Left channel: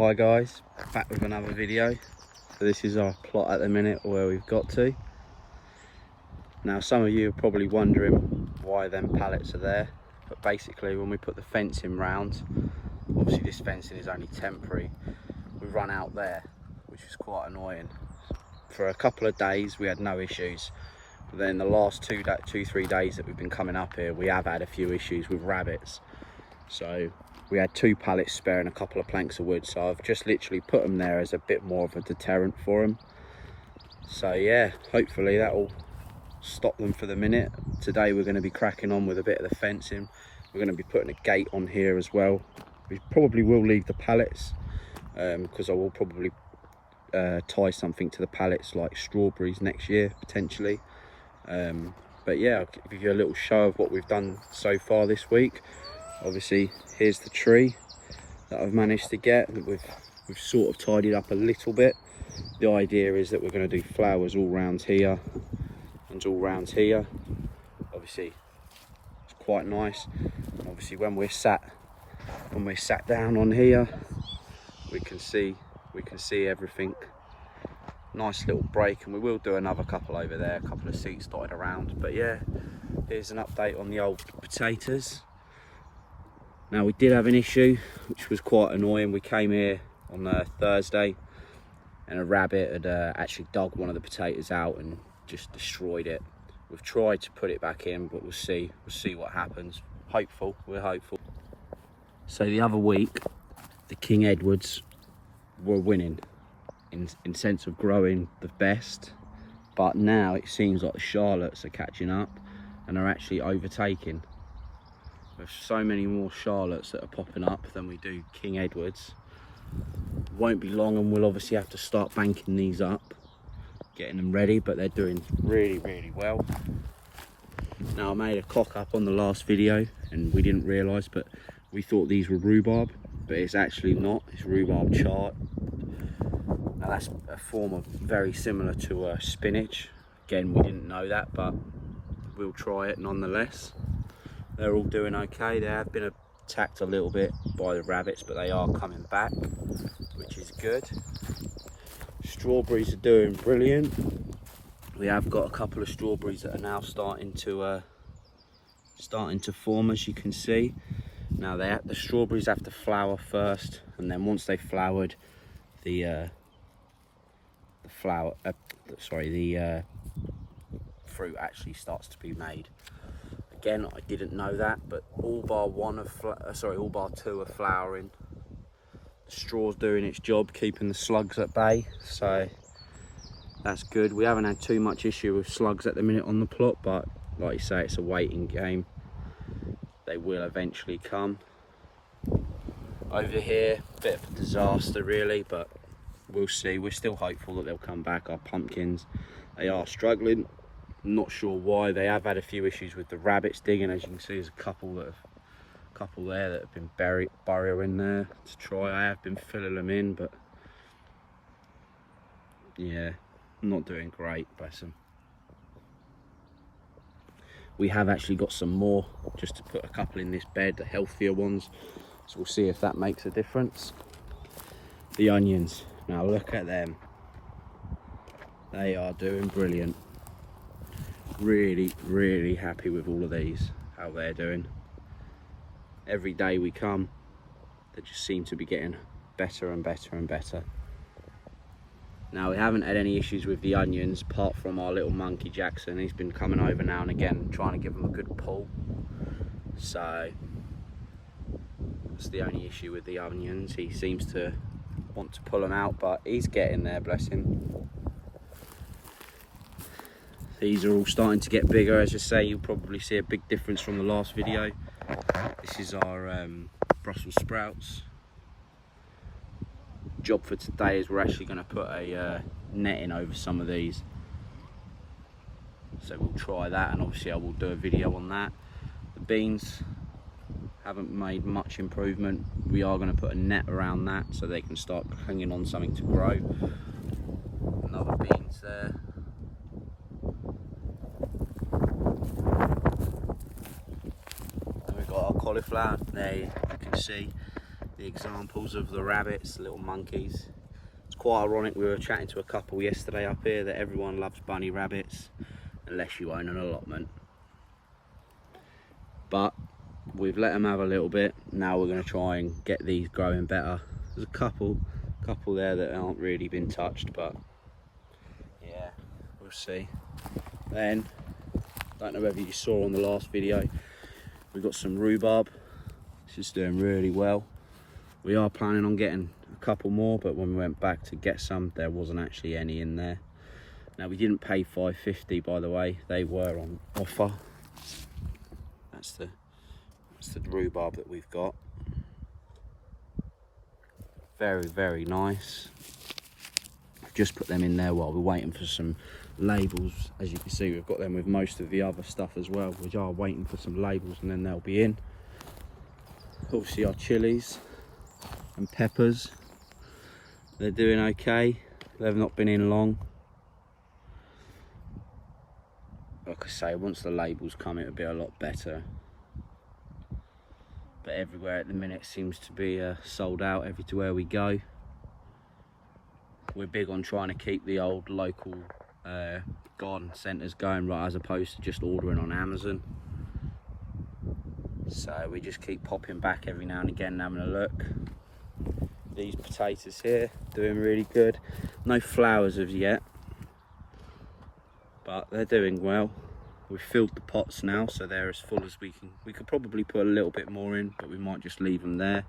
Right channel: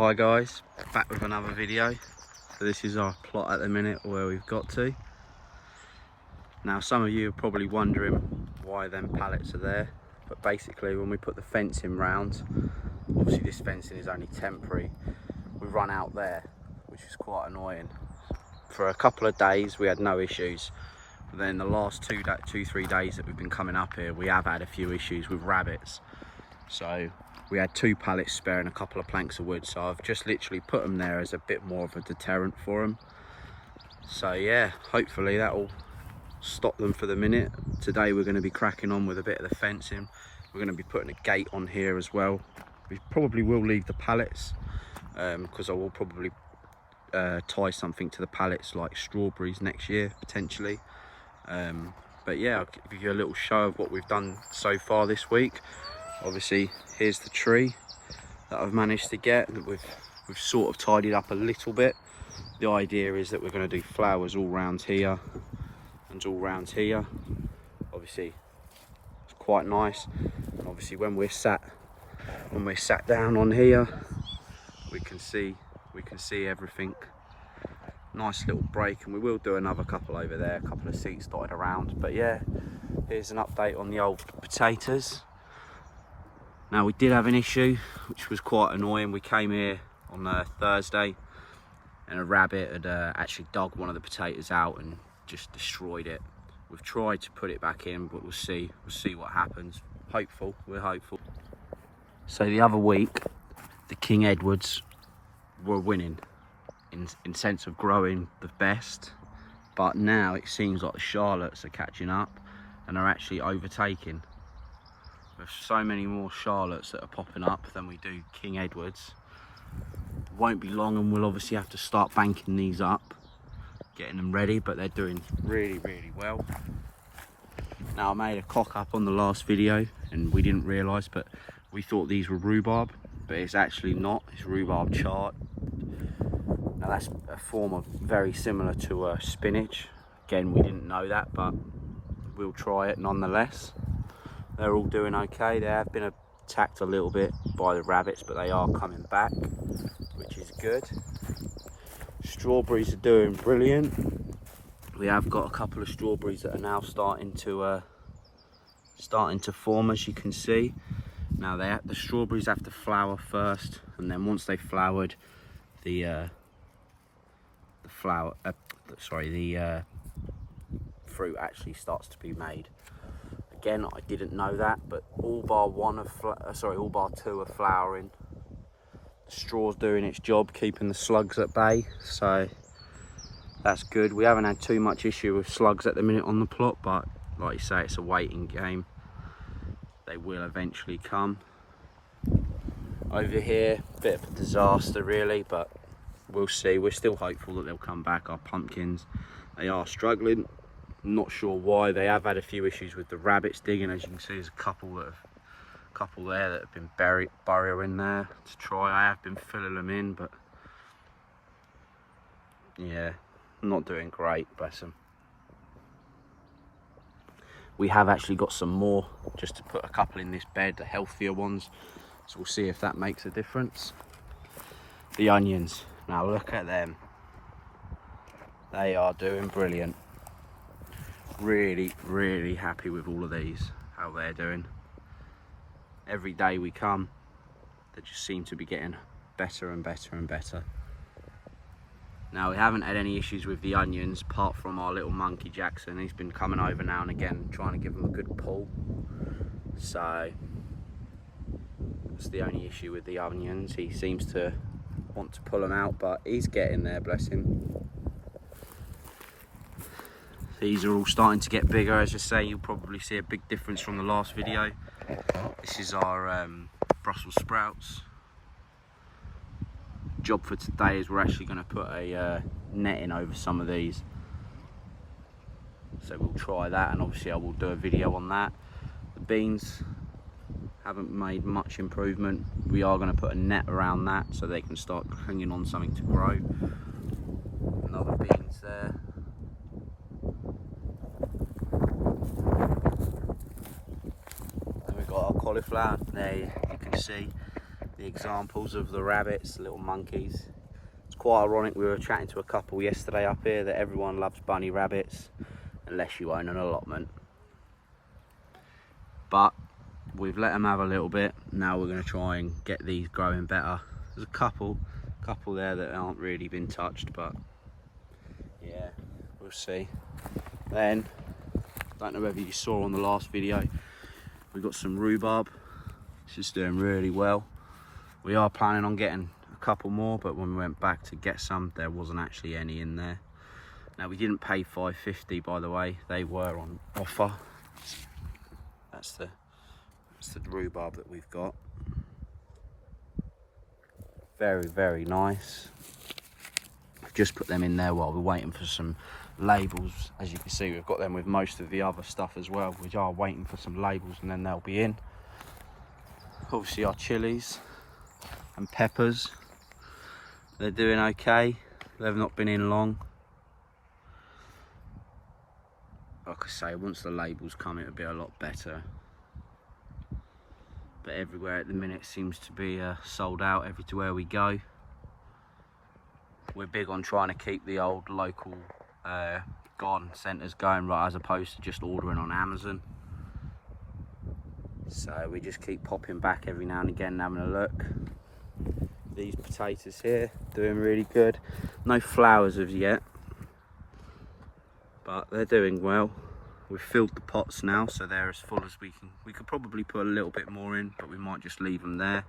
Hi guys, back with another video. So this is our plot at the minute where we've got to. Now some of you are probably wondering why them pallets are there, but basically when we put the fencing round, obviously this fencing is only temporary, we run out there, which is quite annoying. For a couple of days we had no issues, but then the last 3 days that we've been coming up here, we have had a few issues with rabbits. So we had 2 pallets spare and a couple of planks of wood, so I've just literally put them there as a bit more of a deterrent for them. So yeah, hopefully that will stop them for the minute. Today we're going to be cracking on with a bit of the fencing. We're going to be putting a gate on here as well. We probably will leave the pallets because I will probably tie something to the pallets like strawberries next year potentially. But yeah, I'll give you a little show of what we've done so far this week. Obviously here's the tree that I've managed to get. We've sort of tidied up a little bit. The idea is that we're going to do flowers all round here and all round here. Obviously it's quite nice, and obviously when we're sat down on here we can see everything. Nice little break, and we will do another couple over there, a couple of seats dotted around. But yeah, here's an update on the old potatoes. Now we did have an issue which was quite annoying. We came here on Thursday and a rabbit had actually dug one of the potatoes out and just destroyed it. We've tried to put it back in, but we'll see what happens. We're hopeful. So the other week the King Edwards were winning in sense of growing the best, but now it seems like the Charlottes are catching up and are actually overtaking. There's so many more Charlottes that are popping up than we do King Edwards. Won't be long and we'll obviously have to start banking these up, getting them ready, but they're doing really well. Now I made a cock up on the last video and we didn't realise, but we thought these were rhubarb, but it's actually not. It's rhubarb chard. Now that's a form of very similar to spinach. Again, we didn't know that, but we'll try it nonetheless. They're all doing okay. They have been attacked a little bit by the rabbits, but they are coming back, which is good. Strawberries are doing brilliant. We have got a couple of strawberries that are now starting to form, as you can see. Now the strawberries have to flower first, and then once they've flowered, the fruit actually starts to be made. Again, I didn't know that, but all bar 2 are flowering. The straw's doing its job, keeping the slugs at bay, so that's good. We haven't had too much issue with slugs at the minute on the plot, but like you say, it's a waiting game. They will eventually come. Over here, bit of a disaster really, but we'll see. We're still hopeful that they'll come back. Our pumpkins, they are struggling. Not sure why. They have had a few issues with the rabbits digging. As you can see, there's a couple there that have been burrowing there to try. I have been filling them in, but yeah, not doing great, bless them. We have actually got some more, just to put a couple in this bed, the healthier ones, so we'll see if that makes a difference. The onions, now look at them. They are doing brilliant. Really happy with all of these, how they're doing. Every day we come, they just seem to be getting better and better. Now we haven't had any issues with the onions apart from our little monkey Jackson. He's been coming over now and again trying to give them a good pull, so that's the only issue with the onions. He seems to want to pull them out, but he's getting there, bless him. These are all starting to get bigger. As I say, you'll probably see a big difference from the last video. This is our Brussels sprouts. Job for today is we're actually going to put a netting over some of these. So we'll try that, and obviously I will do a video on that. The beans haven't made much improvement. We are going to put a net around that so they can start hanging on something to grow. Another beans there. We've got our cauliflower there, you can see the examples of the rabbits, little monkeys. It's quite ironic, we were chatting to a couple yesterday up here that everyone loves bunny rabbits unless you own an allotment. But we've let them have a little bit. Now we're going to try and get these growing better. There's a couple there that aren't really been touched, but yeah, we'll see. Then, don't know whether you saw on the last video, we've got some rhubarb. It's just doing really well. We are planning on getting a couple more, but when we went back to get some, there wasn't actually any in there. Now, we didn't pay $5.50, by the way. They were on offer. That's the rhubarb that we've got. Very, very nice. I've just put them in there while we're waiting for some labels. As you can see, we've got them with most of the other stuff as well. We are waiting for some labels and then they'll be in. Obviously our chilies and peppers, they're doing okay. They've not been in long. Like I say, once the labels come, it'll be a lot better. But everywhere at the minute seems to be sold out everywhere we go. We're big on trying to keep the old local garden centres going, right, as opposed to just ordering on Amazon. So we just keep popping back every now and again and having a look. These potatoes here, doing really good. No flowers as yet, but they're doing well. We've filled the pots now, so they're as full as we can. We could probably put a little bit more in, but we might just leave them there.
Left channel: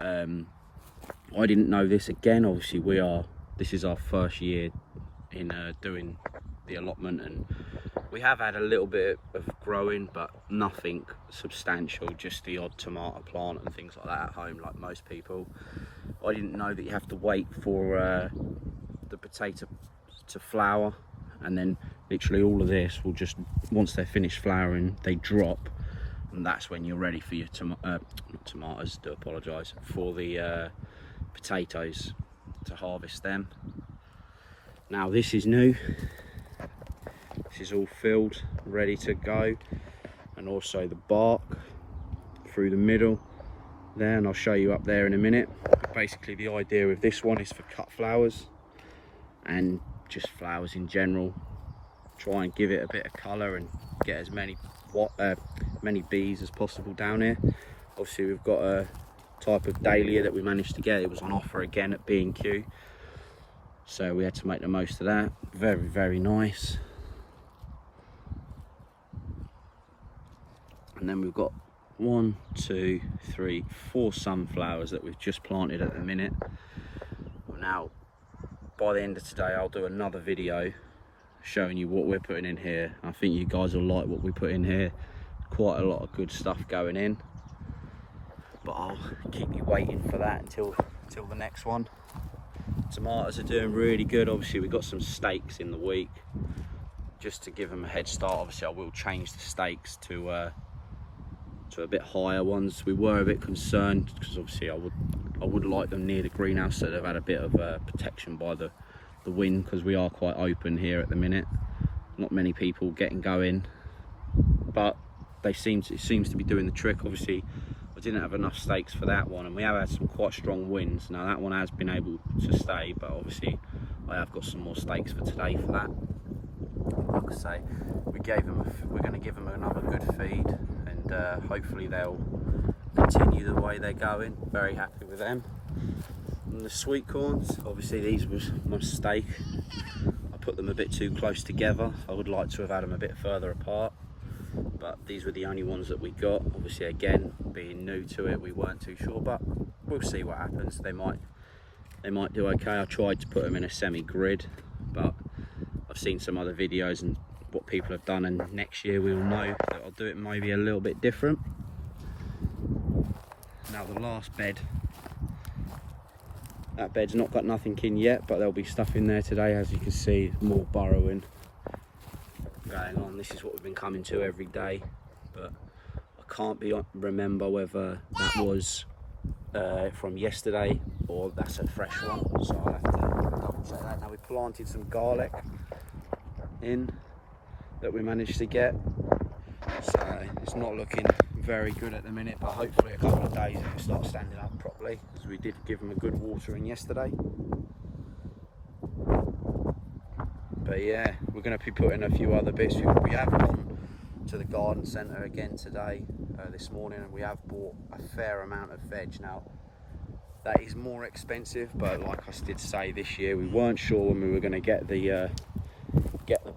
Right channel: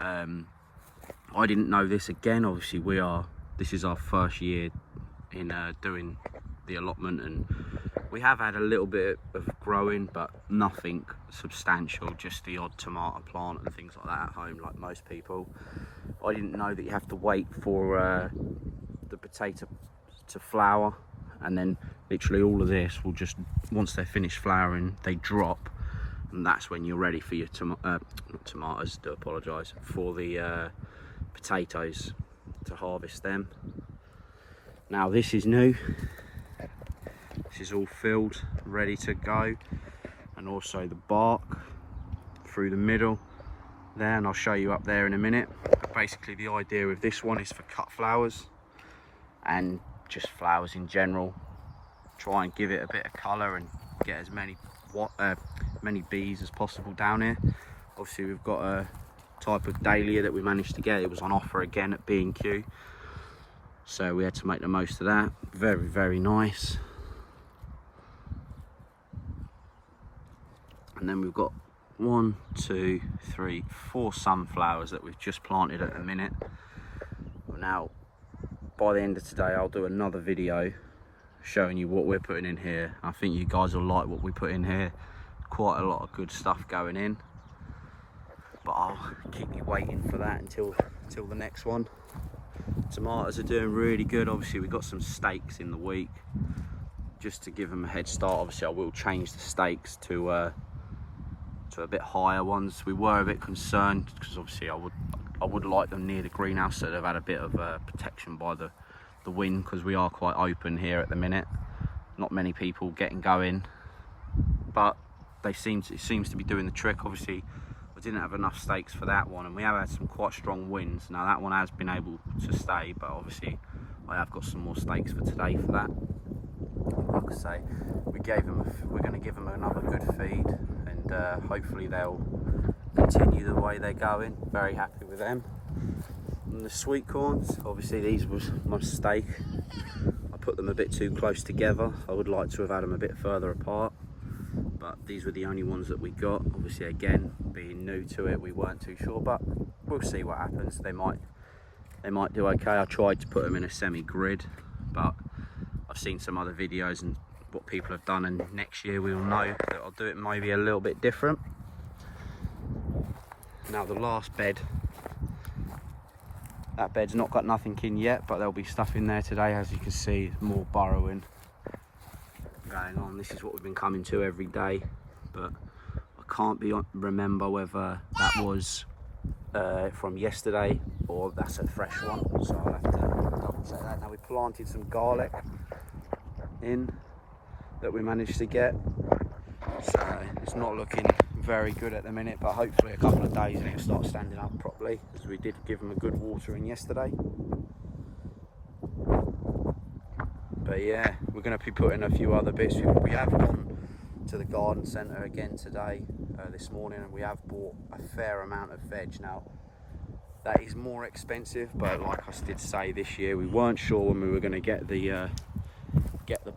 I didn't know this again. Obviously, this is our first year in doing the allotment, and we have had a little bit of growing, but nothing substantial. Just the odd tomato plant and things like that at home, like most people. I didn't know that you have to wait for the potato to flower, and then literally all of this will just, once they're finished flowering, they drop, and that's when you're ready for your not tomatoes, do apologise, for the potatoes, to harvest them. Now this is new. This is all filled, ready to go, and also the bark through the middle there, and I'll show you up there in a minute. But basically the idea of this one is for cut flowers and just flowers in general. Try and give it a bit of colour and get as many bees as possible down here. Obviously we've got a type of dahlia that we managed to get. It was on offer again at B&Q, so we had to make the most of that. Very, very nice. And then we've got 1, 2, 3, 4 sunflowers that we've just planted at the minute. Now by the end of today I'll do another video showing you what we're putting in here. I think you guys will like what we put in here. Quite a lot of good stuff going in, but I'll keep you waiting for that until the next one. Tomatoes are doing really good. Obviously we've got some stakes in the week just to give them a head start. Obviously I will change the stakes to a bit higher ones. We were a bit concerned because obviously I would like them near the greenhouse so they've had a bit of protection by the wind, because we are quite open here at the minute. Not many people getting going, but it seems to be doing the trick. Obviously I didn't have enough stakes for that one, and we have had some quite strong winds. Now that one has been able to stay, but obviously I have got some more stakes for today for that. Like I say, we're going to give them another good feed, and hopefully they'll continue the way they're going. Very happy with them. And the sweet corns, obviously these was my mistake. I put them a bit too close together. I would like to have had them a bit further apart, but these were the only ones that we got. Obviously again, being new to it, we weren't too sure, but we'll see what happens. They might do okay. I tried to put them in a semi-grid, but I've seen some other videos and what people have done, and next year we'll know that I'll do it maybe a little bit different. Now the last bed, that bed's not got nothing in yet, but there'll be stuff in there today. As you can see, more burrowing going on. This is what we've been coming to every day, but I can't remember whether that was from yesterday or that's a fresh one, so I'll have to double check that. Now we planted some garlic in that we managed to get, so it's not looking very good at the minute, but hopefully a couple of days it'll start standing up properly, because we did give them a good watering yesterday. But yeah, we're going to be putting a few other bits. We have gone to the garden centre again today, this morning, and we have bought a fair amount of veg. Now that is more expensive, but like I did say, this year we weren't sure when we were going to get the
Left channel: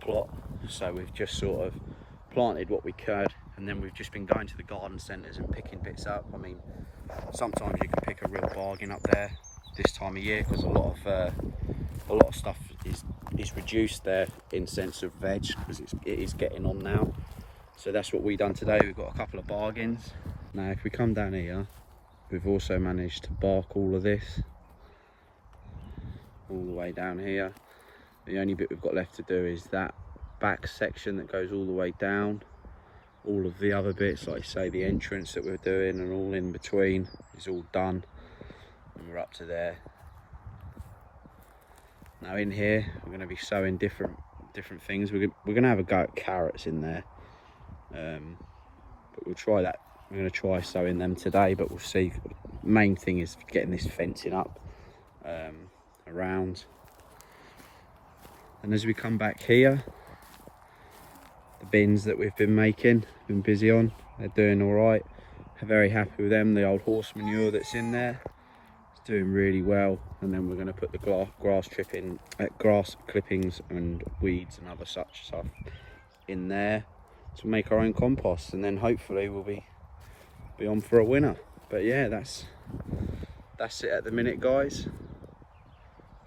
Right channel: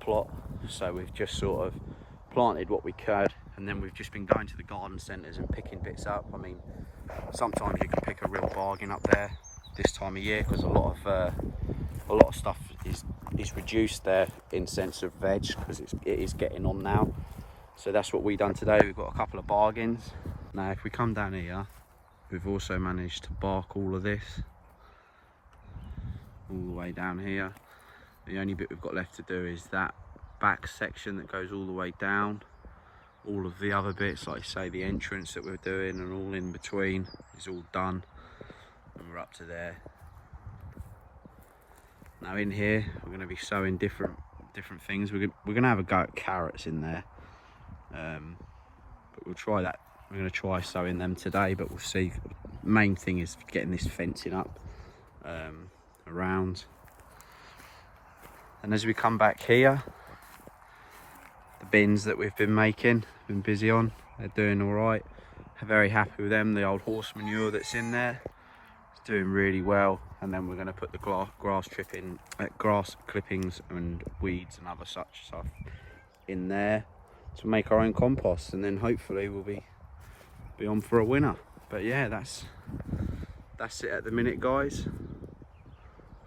plot, so we've just sort of planted what we could, and then we've just been going to the garden centres and picking bits up. I mean, sometimes you can pick a real bargain up there this time of year, because a lot of stuff is reduced there in sense of veg, because it is getting on now. So that's what we done today. We've got a couple of bargains. Now if we come down here, we've also managed to bark all of this all the way down here. The only bit we've got left to do is that back section that goes all the way down. All of the other bits, like I say, the entrance that we're doing and all in between is all done, and we're up to there. Now in here we're going to be sowing different things. We're going to have a go at carrots in there, but we'll try that. We're going to try sowing them today, but we'll see. The main thing is getting this fencing up around. And as we come back here, the bins that we've been making, been busy on, they're doing all right. I'm very happy with them. The old horse manure that's in there, it's doing really well. And then we're going to put the grass clippings and weeds and other such stuff in there to make our own compost, and then hopefully we'll be on for a winner. But yeah, that's it at the minute, guys.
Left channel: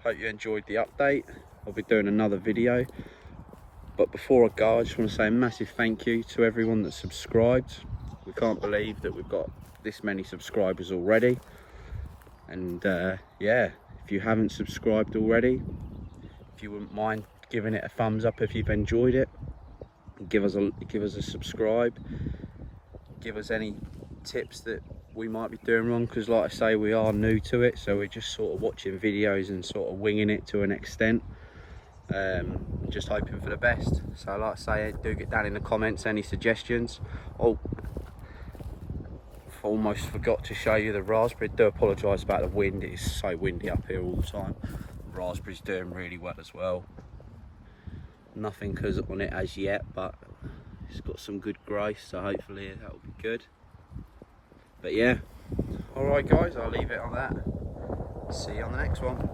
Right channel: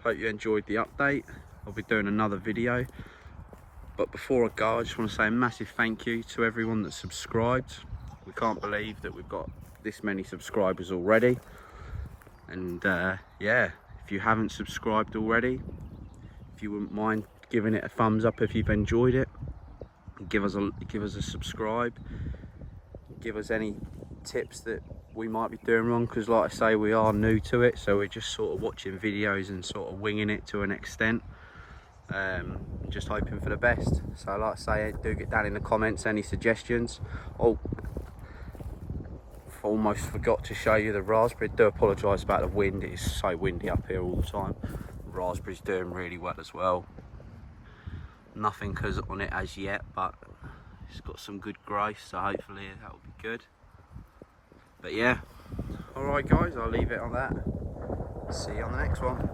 Hope you enjoyed the update. I'll be doing another video, but before I go, I just want to say a massive thank you to everyone that subscribed. We can't believe that we've got this many subscribers already. And yeah, if you haven't subscribed already, if you wouldn't mind giving it a thumbs up if you've enjoyed it, give us a subscribe. Give us any tips that we might be doing wrong, because like I say, we are new to it, so we're just sort of watching videos and sort of winging it to an extent, just hoping for the best. So like I say, do get down in the comments any suggestions. Oh, almost forgot to show you the raspberry. Do apologise about the wind, it is so windy up here all the time. The raspberry's doing really well as well. Nothing on it as yet, but it's got some good growth, so hopefully that will be good. But yeah, alright guys, I'll leave it on that. See you on the next one.